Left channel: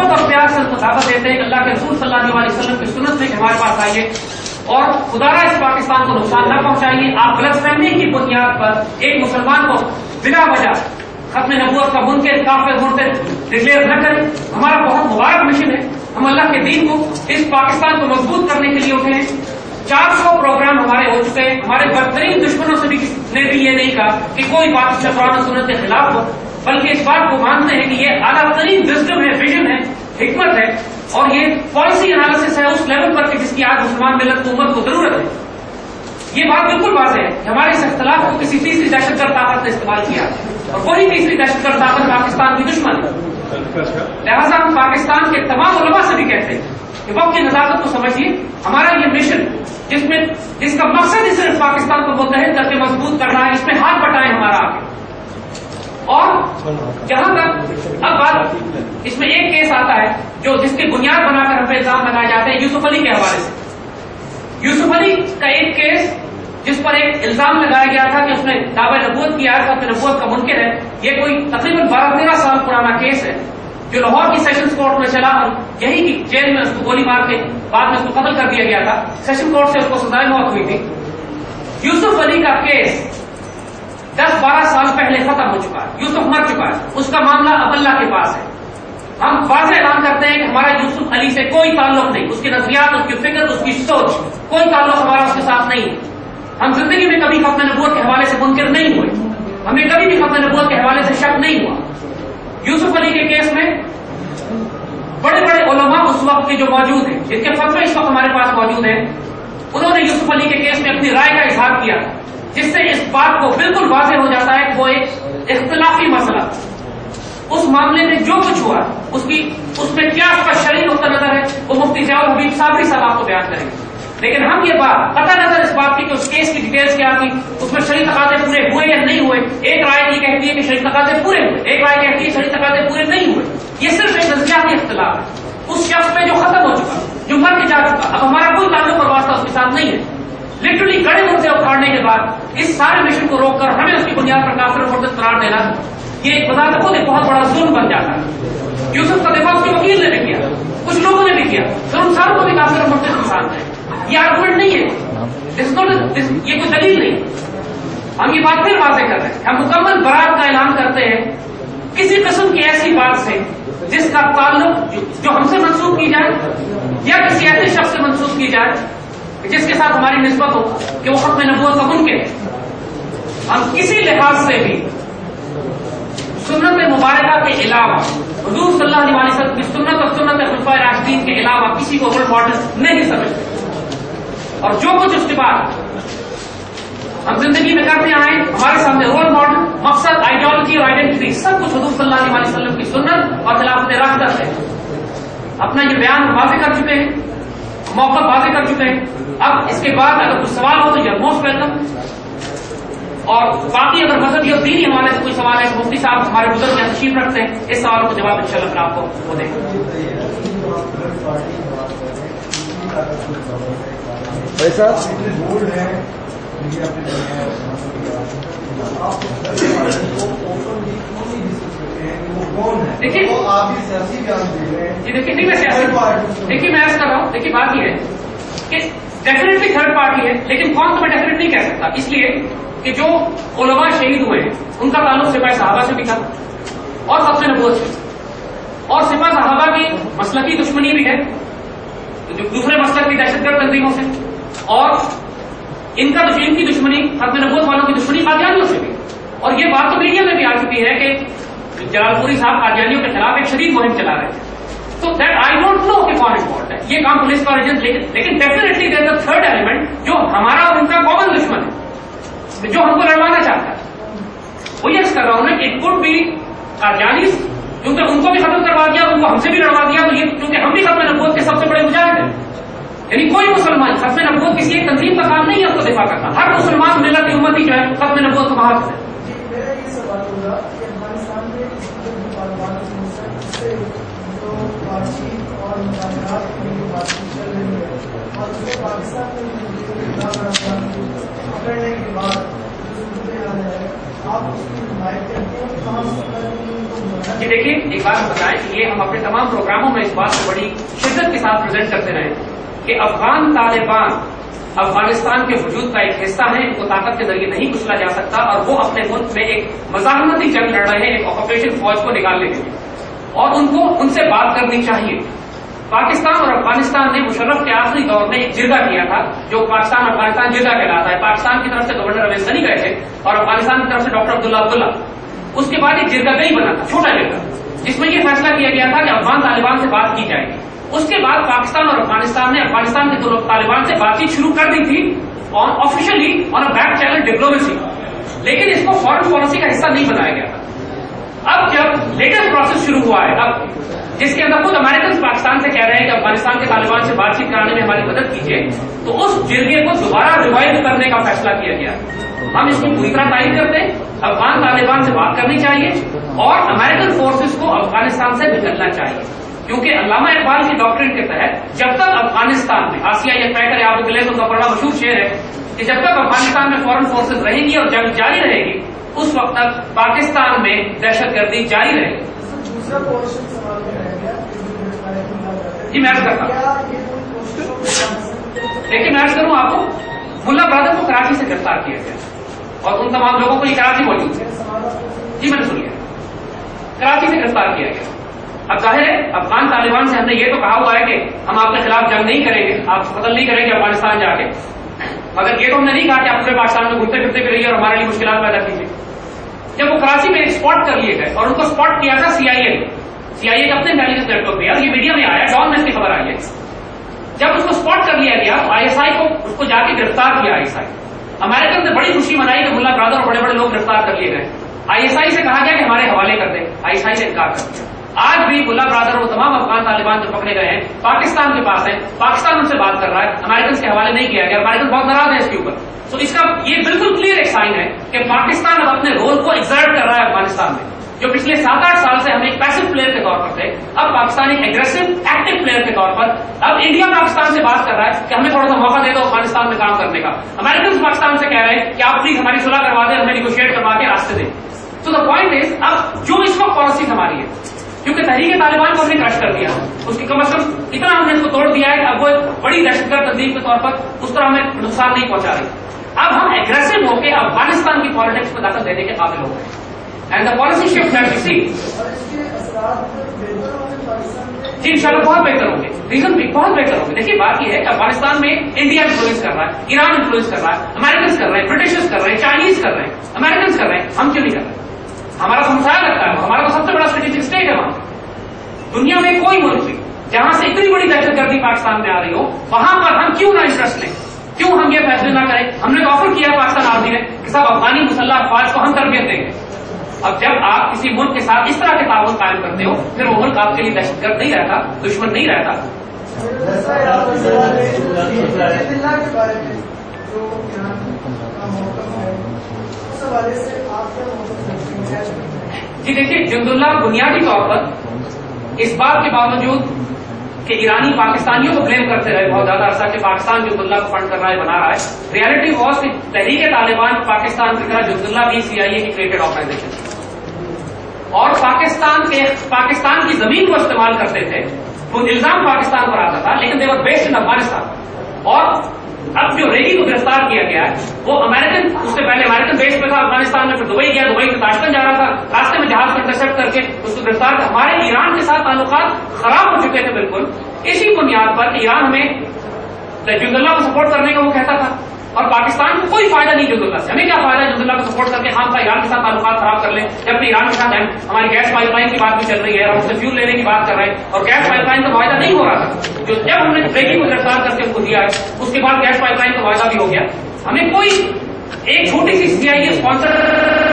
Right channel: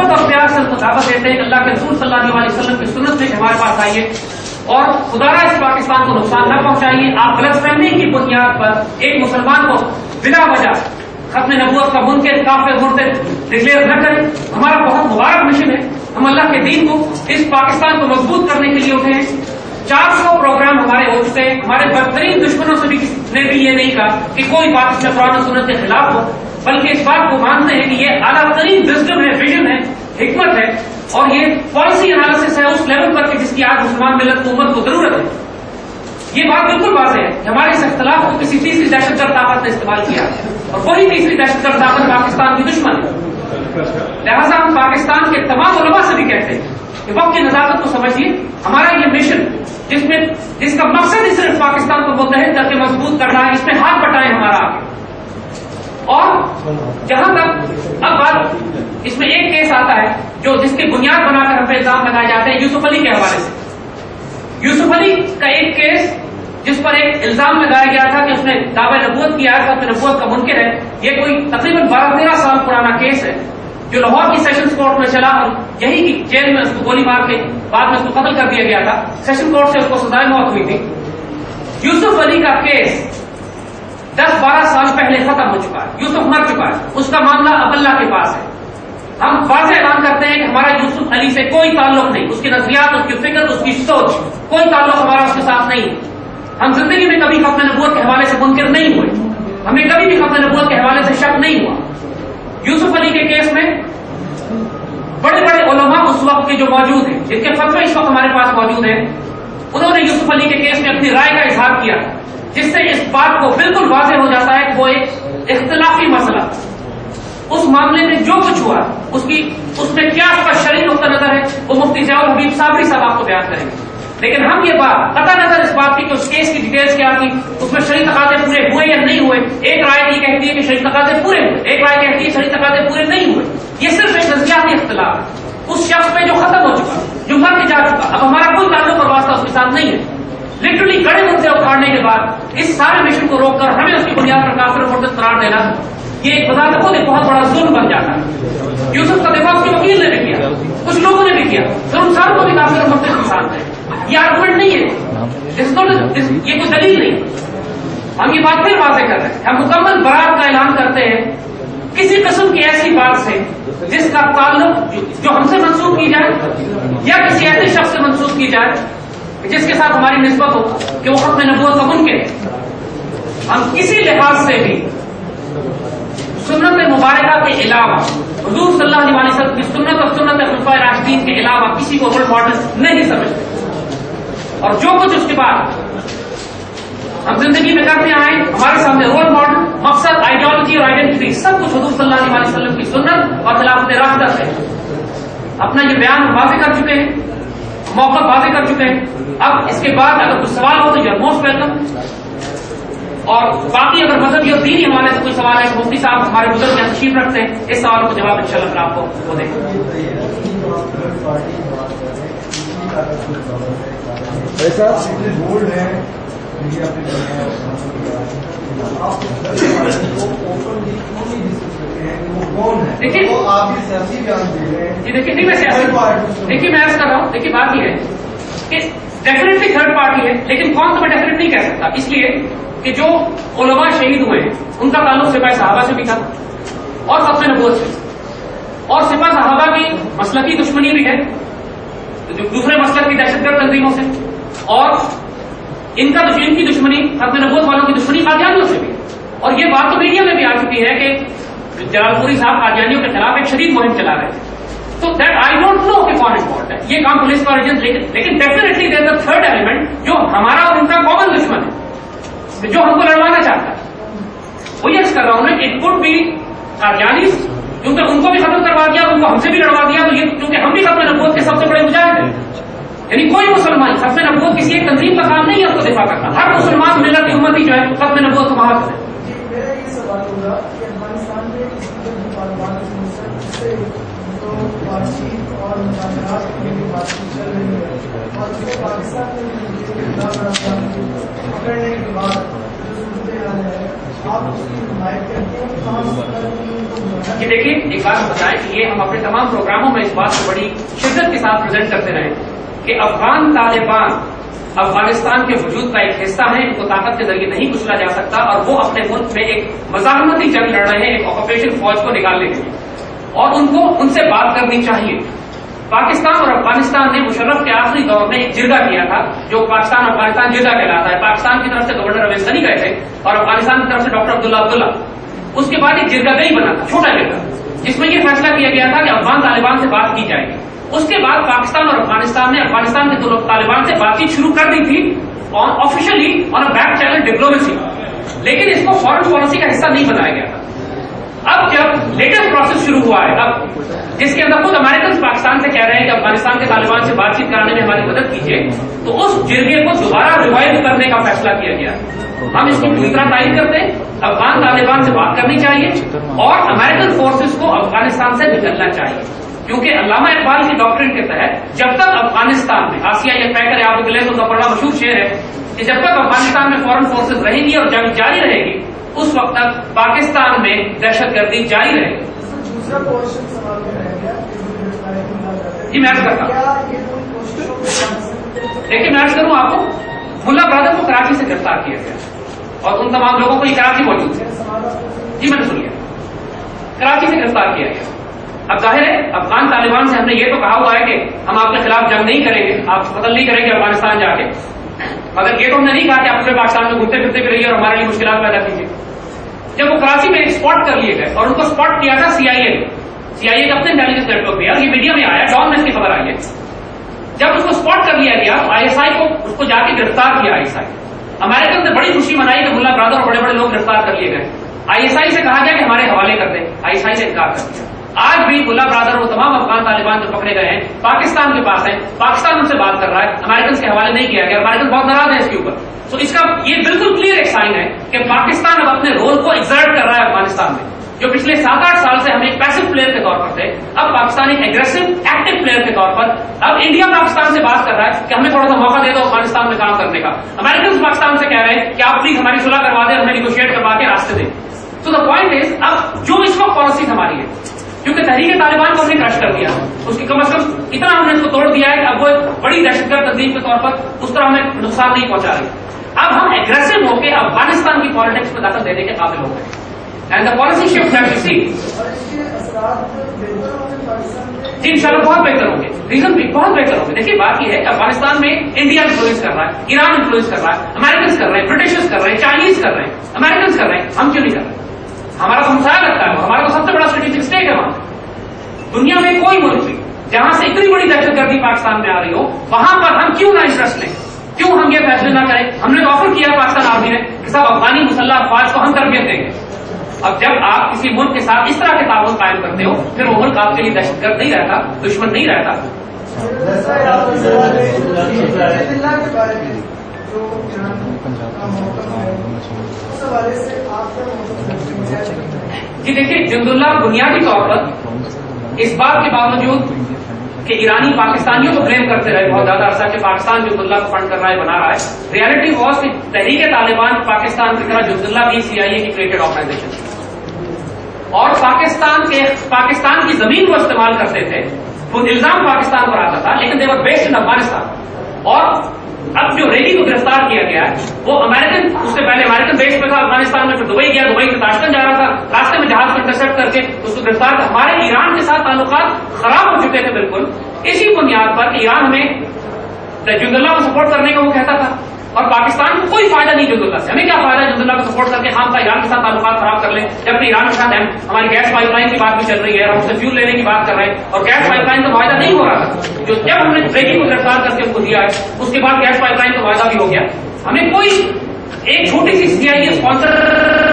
محبت اور پیار سے ان کو دعوت دیتے ہیں کہ اللہ کے رسول صلی اللہ علیہ وسلم کی سنت سے ہمارے پاس آئیے اور خدا را اس پاکستان کو نقصان نہ پہنچائیے. آپ غلط فہمی کی بنیاد پر ایک مسلمان کو بلا وجہ ختم نبوت کا منکر کافر مرتد ڈکلیئر نہ کریں. ہمارا بہت مبارک مشن ہے. ہم اللہ کے دین کو اس پاکستان کو مضبوط کرنے کے لیے اٹھے ہیں. 400 پروگرام ہمارے ہو چکے ہیں. ہمارے بدترین دشمنوں سے بھی کسی نے بھی یہ نہیں کہا کہ کوئی بات اس میں قرآن و سنت کے خلاف ہو، بلکہ اس بات کو مانتے ہیں کہ یہ اعلیٰ ترین وزڈم ہے، ویژن ہے، حکمت ہے اور یہ پالیسی انالیسس ہے اس لیول پر جس کی آج مسلمان ملت کو امت کو ضرورت ہے. یہ بات بالکل واضح ہے کہ ہمارے اس اختلاف کو کسی تیسری دہشت گرد طاقت نے استعمال کیا اور وہی تیسری دہشت گرد طاقت پاکستان کی دشمن ہے. لہٰذا ہم پاکستان کے تمام علماء سے بھی کہتے ہیں کہ وقت کی نزاکت کو سمجھیے. ہمارا یہ مشن جس کا مقصد ہی صرف پاکستان کو متحد کر کے مضبوط کرنا ہے، اس میں ہاتھ بٹائیں ہمارا آگے. اور جہاں تک اب بات اس میں ایک کیس آتا ہے جس کی بنیاد بنا کر ہم پہ الزام لگائے جاتے ہیں یوسف علی کے حوالے سے. یوسف علی کا ایک کیس جس پر ایک الزام لگایا گیا تھا کہ اس نے دعوی نبوت کیا ہے، ختم نبوت کا منکر ہے. یہ کوئی تقریباً 12-13 سال پرانا کیس ہے جو لاہور کی سیشنز کورٹ میں چلا اور یہی کی جیل میں اس کو گولی مار کے بعد میں اس کو قتل کر دیا گیا تھا. سیشن کورٹ سے اس کو سزائے موت ہوئی تھی. یوسف علی کا کیس 10-12 سال پہلے ختم ہو چکا ہے. یوسف مر چکا ہے. اس کا معاملہ اب اللہ کے پاس ہے. ہم واضح اعلان کرتے ہیں کہ ہمارا یوسف علی سے کوئی تعلق نہیں. اس کی نظریات، اس کی فکر، اس کی سوچ، کوئی تعلق ہمارا اس کے ساتھ نہیں ہے. ہم زندگی میں کبھی ختم نبوت کے حوالے سے منکر نہیں ہوئے. ہمیں کبھی بھی ختم نبوت کے حوالے سے شک نہیں ہوا. یوسف علی کے کیس میں بڑے بڑے علماء اس وقت کے جو موجود ہیں، جن کے فتوے اس وقت ہمارے پاس موجود ہیں، انہوں نے یوسف علی کے کیس میں اپنی رائے کا اظہار کیا جس سے اس بات کو بالکل واضح ہو جاتا ہے کہ وہ ایک اختلافی مسئلہ. اس معاملے میں جو کچھ ہوا اس میں کیا اس کا شرعی نقطہ نظر ہے وہ مفتی ضیاء الحبیب صابری صاحب آپ کو بیان کریں گے. لیکن ہم یہ بات قطع نظر اس بات کی کہ اس کیس کی ڈیٹیلز کیا تھی، اس میں شرعی تقاضے پورے ہوئے یا نہیں ہوئے. ایک رائے یہ کہتی ہے کہ شرعی تقاضے پورے ہوئے، ایک رائے کہتی ہے شرعی تقاضے پورے نہیں ہوئے. یہ صرف ایک نظریاتی اختلاف ہے اس شخص پہ جو ختم ہو چکا، جو مر کے جا چکا. اب ہمارا کوئی تعلق اور واسطہ اس کے ساتھ نہیں ہے. لٹرلی گڑے مردے اکھاڑنے کے بعد اس سارے مشن کو روک کر ہمیں اس کی بنیاد پر کافر اور مرتد قرار دینا، یہ بذات خود ایک بہت بڑا ظلم بن جاتا ہے. یوسف کا دفاع اس کے وکیل نے بھی کیا، کچھ لوگوں نے بھی کیا، پھر ان ساروں کو بھی کافر اور مرتد انسان ہے. یہ آرگومنٹ نہیں ہے، یہ کوئی دلیل نہیں. ہم یہ بات پھر واضح کر رہے ہیں. ہم مکمل برات کا اعلان کرتے ہیں کسی قسم کی ایسی بات سے جس کا تعلق جو ہم سے منسوخ کی جائے یا کسی ایسے شخص سے منسوخ کی جائے جس کے ساتھ ہماری نسبت ہو کہ وہ ختم نبوت کا منکر ہے. ہم کسی لحاظ سے بھی سنت مبارکہ کے علاوہ، حضور صلی اللہ علیہ وسلم کی سنت اور سنت خلفائے راشدین کے علاوہ کسی کو رول ماڈل نہیں سمجھتے. اور جو کچھ اس کے بعد ہم زندگی میں کرتے آئے، ہمارے سامنے رول ماڈل، مقصد، آئیڈیالوجی اور آئیڈینٹی سب کچھ حضور صلی اللہ علیہ وسلم کی سنت اور خلافت راشدہ ہے. اپنا یہ بیان واضح کر چکے ہیں، موقع واضح کر چکے ہیں. اب اس کے بعد اگر کچھ سوال ہو تو یو موسٹ ویلکم. اور باقی اگر مذہبی اور دینی حوالے سے کوئی سوال ہے تو مفتی صاحب ہمارے بزرگ میں تشریف رکھتے ہیں، اس سوال کو جواب انشاءاللہ پھر آپ کو وہ دیں گے. دیکھیے دیکھیے میں عرض کر رہا ہوں، دیکھیے بات یہ ہے کہ ڈیفینیٹلی تھرڈ پارٹی ہے، لیکن کون تو میں ڈیفینیٹ نہیں کہہ سکتا، اس لیے کہ جو علماء شہید ہوئے ہیں ان کا تعلق سپاہ صحابہ سے بھی تھا اور ختم نبوت سے، اور سپاہ صحابہ کی مسلکی دشمنی بھی ہے دوسرے مسلک کی دہشت گرد تنظیموں سے، اور ان کی دشمنی ختم نبوت والوں کی دشمنی قادیانیوں سے بھی. اور یہ بات تو میڈیا میں بھی آ چکی ہے کہ جلال پوری صاحب قادیانیوں کے خلاف ایک شدید مہم چلا رہے تھے. تو دیٹ آئی ڈونٹ نو کہ کون امپورٹ ہے، یہ کام پولیس کا اوریجن، لیکن definitely there is a third element جو ہمارا اور ان کا کامن دشمن ہے، جو ہم کو لڑوانا چاہتا ہے. وہ یہ کر رہا ہوں نا، اٹ کوڈ بی قادیانی، کیونکہ ان کو بھی ختم کروا دیا، ان کو ہم سے بھی لڑوا دیا، تو یہ کیونکہ ہم بھی ختم نبوت کے سب سے بڑے مجاہد ہیں. یعنی کوئی مسلمان ختم نبوت کسی ایک تنظیم کا کام نہیں ہے اس کو دفاع کرنا. ہر مسلمان ملت کی امتی جو ہے ختم نبوت کو محافظ ہے. میرا یہ سوال ہوگا کہ افغانستان میں بات چیت اور مذاکرات کے لیے بات چیت چل رہی ہے، اور اس میں پاکستان میں پکڑنے کے بعد جو صورتحال ہے آپ اس کی حمایت کرتے ہیں. کہاں کہ دیکھیے ایک بات بتائیں کہ یہ ہم اپنے تمام پروگراموں میں اس بات کو بڑی شدت کے ساتھ پریزنٹ کرتے رہے کہ افغان طالبان افغانستان کے وجود کا ایک حصہ ہے، ان کو طاقت کے ذریعے نہیں کچلا جا سکتا، اور وہ اپنے ملک میں ایک مزاحمتی جنگ لڑ رہے ہیں ایک آکوپیشن فوج کو نکالنے کے لیے، اور ان سے بات کرنی چاہیے۔ پاکستان اور افغانستان نے مشرف کے آخری دور میں ایک جرگہ کیا تھا جو پاکستان افغانستان جرگہ کہلاتا ہے۔ پاکستان کی طرف سے گورنر اویس غنی گئے تھے اور افغانستان کی طرف سے ڈاکٹر عبداللہ۔ اس کے بعد ایک جرگہ گئی بنا تھا، چھوٹا جرگہ، جس میں یہ فیصلہ کیا گیا تھا کہ افغان طالبان سے بات کی جائے گی۔ اس کے بعد پاکستان اور افغانستان نے افغانستان کے طالبان سے بات چیت شروع کر دی تھی آفیشلی آن اے بیک چینل ڈپلومیسی، لیکن اس کو فارن پالیسی کا حصہ نہیں بنایا گیا تھا۔ اب جب لیٹسٹ پروسیس شروع ہوا ہے، اب جس کے اندر خود امریکن پاکستان سے کہہ رہے ہیں کہ افغانستان کے طالبان سے بات چیت کرانے میں ہماری مدد کیجیے، تو اس جرگے کو دوبارہ ریوائو کرنے کا فیصلہ کیا گیا۔ ہم اس کی پوری طرح تائید کرتے ہیں، افغان طالبان سے بات کرنی چاہیے اور امریکن فورسز کو افغانستان سے نکلنا چاہیے، کیونکہ علامہ اقبال کی ڈاکٹرن کے تحت جب تک افغانستان میں آسیہ یہ طے کرے، آپ گلے تو کا بڑا مشہور شعر ہے کہ جب تک افغانستان میں فورن فورسز رہیں گی اور جنگ جاری رہے گی، اس وقت تک پاکستان میں دہشت گردی جاری رہے گی۔ دوسرا کوشچن سوال میں رہ گیا، جی میں عرض کرتا ہوں، دیکھیے میں عرض کروں آپ کو، ملا برادر کو کراچی سے گرفتار کیا گیا اور ان تمام لوگوں کو یہ کراچی موجود ہے، جی میں نے سنیا، کراچی سے گرفتار کیا گیا۔ اب ظاہر ہے افغان طالبان سے ہم نے یہ تو کہا ہوا ہے کہ ہم آپ کے خلاف جنگ نہیں کریں گے، آپ قتل نہیں کریں گے افغانستان جا کے، مگر یہ تو ہم نے نہیں کہا کہ آپ پورے پاکستان میں گھومتے پھرتے بھی رہیے اور ہمارے لیے مشکلات پیدا کیجیے۔ جب وہ کراچی میں اسپاٹ کر لیے گئے اور ان کو اسپاٹ کیا تھا سی آئی اے کے اپنے انٹیلیجنس نیٹ ورک پہ، اور یہ میڈیا میں آیا، ڈان میں اس کی خبر آئی ہے، جب اس کو اسپاٹ کر لیا گیا تو آئی ایس آئی کو اس کو جا کے گرفتار کیا۔ آئی ایس آئی امریکن نے بڑی خوشی منائی کہ ملا برادر اور بڑے بڑے لوگ گرفتار کر لیے گئے۔ آئی ایس آئی سے کہا گیا کہ ہمارے حوالے کر دیں، آئی ایس آئی نے انکار کر دیا۔ آج بھی ملا برادر وہ تمام افغان طالبان جو پکڑے گئے ہیں پاکستان کے پاس ہیں، پاکستان ان سے بات کر رہا ہے، امریکن کے حوالے نہیں کیا گیا، امریکن بہت ناراض ہے اس کے اوپر۔ تو اس کا یہ بالکل کلیئر ایک سائن ہے کہ پاکستان اب اپنے رول کو ایگزرٹ کر رہا ہے افغانستان میں، جو پچھلے 7-8 سال سے ہم ایک پیسو پلیئر کے طور پر تھے، اب پاکستان ایک ایگریسو ایکٹیو پلیئر کے طور پر، اب انڈیا پاکستان سے بات کر رہا ہے کہ ہمیں تھوڑا سا موقع دے دو افغانستان میں کام کرنے کا۔ امریکن پاکستان سے کہہ رہے ہیں کہ آپ پلیز ہماری صلح کروا دیں، ہمیں نیگوشیٹ کروا کے راستے دیں۔ تو دا پوائنٹ از، اب جو اس وقت پالیسی ہماری ہے، کیونکہ تحریک طالبان کو ہم نے کرش کر دیا، اس کی کم از کم اتنا ہم نے اس کو توڑ دیا ہے کہ اب وہ ایک بڑی دہشت گرد تنظیم کے طور پر اس طرح ہمیں نقصان نہیں پہنچا رہی۔ اب ہم ایگریسو ہو کے افغانستان کی پالیٹکس میں دخل دینے کے قابل ہو گئے، and the policy shift that you see, جی انشاءاللہ بہت بہتر ہوں گے، ریزن بھی بہت بہتر ہوں گے۔ دیکھیے بات یہ ہے کہ افغانستان میں انڈیا انفلوئنس کر رہا ہے، ایران انفلوئنس کر رہا ہے، امریکنس کر رہے ہیں، برٹشز کر رہے ہیں، چائنیز کر رہے ہیں، امریکنس کر رہے ہیں، ہم کیوں نہیں کر رہے؟ ہمارا تو مسائل لگتا ہے، ہمارا تو سب سے بڑا اسٹریٹجک اسٹیٹ ہے وہاں۔ دنیا میں کوئی ملک نہیں جہاں سے اتنی بڑی دہشت گردی پاکستان میں آ رہی ہو، وہاں پر ہم کیوں نہ انٹرسٹ لیں، کیوں ہم یہ فیصلے نہ کریں؟ ہم نے تو آفر کیا پاکستان آرمی نے کہ صاحب افغانی مسلح افواج کو ہم تربیت دیں گے۔ اب جب آپ کسی ملک کے ساتھ اس طرح کے تعاون قائم کرتے ہو، پھر وہ ملک آپ کے لیے دہشت گرد نہیں رہتا، دشمن نہیں رہتا۔ جی دیکھیے، جند اللہ بنیادی طور پر اس بات کے باوجود کہ ایرانی پاکستانیوں کو بلیم کرتے رہے بہت زیادہ عرصہ کہ پاکستان جند اللہ کو فنڈ کر رہا ہے، بنا رہا ہے، ریالٹی واز کہ تحریک طالبان پاکستان کی طرح جند اللہ بھی سی آئی اے کی کریٹڈ آرگنائزیشن تھی، اور پاکستان کی زمین کو استعمال کرتے تھے، وہ الزام پاکستان پر آتا تھا، لیکن دے ور بیسڈ ان افغانستان۔ اور اب جو ریگی کو گرفتار کیا گیا ہے وہ امریکن، اس سے پہلے امریکن بیس پہ تھا افغانستان میں، پھر دبئی گیا، دبئی سے تاشکند جا رہا تھا، راستے میں جہاز کو انٹرسپٹ کر کے اس کو گرفتار کر۔ ہمارے ایران کے ساتھ تعلقات خراب ہو چکے تھے بالکل اسی بنیاد پر کہ ایران ہمیں جند اللہ کو سپورٹ کرنے کا وہ کہتا تھا، اور پاکستان کو کوئی فائدہ نہیں جند اللہ سے، ہمیں کیا فائدہ جند اللہ کو سپورٹ کر کے ہم ایران کے ساتھ تعلقات خراب کر لیں، جبکہ ایران کے ساتھ ہماری گیس پائپ لائن کی بات بھی چل رہی ہے اور ہم سے فیول لینے کی بات کر رہے ہیں، اور گیس پائپ لائن کا معاہدہ نہیں ہو رہا تھا، جو جب ہم نے ریگی کو گرفتار کر کے ان کو دیا ہے اس کے بعد گیس پائپ لائن کا معاہدہ بھی ہو گیا۔ ہمیں کوئی ایک چھوٹی سی سی آئی اے اسپانسر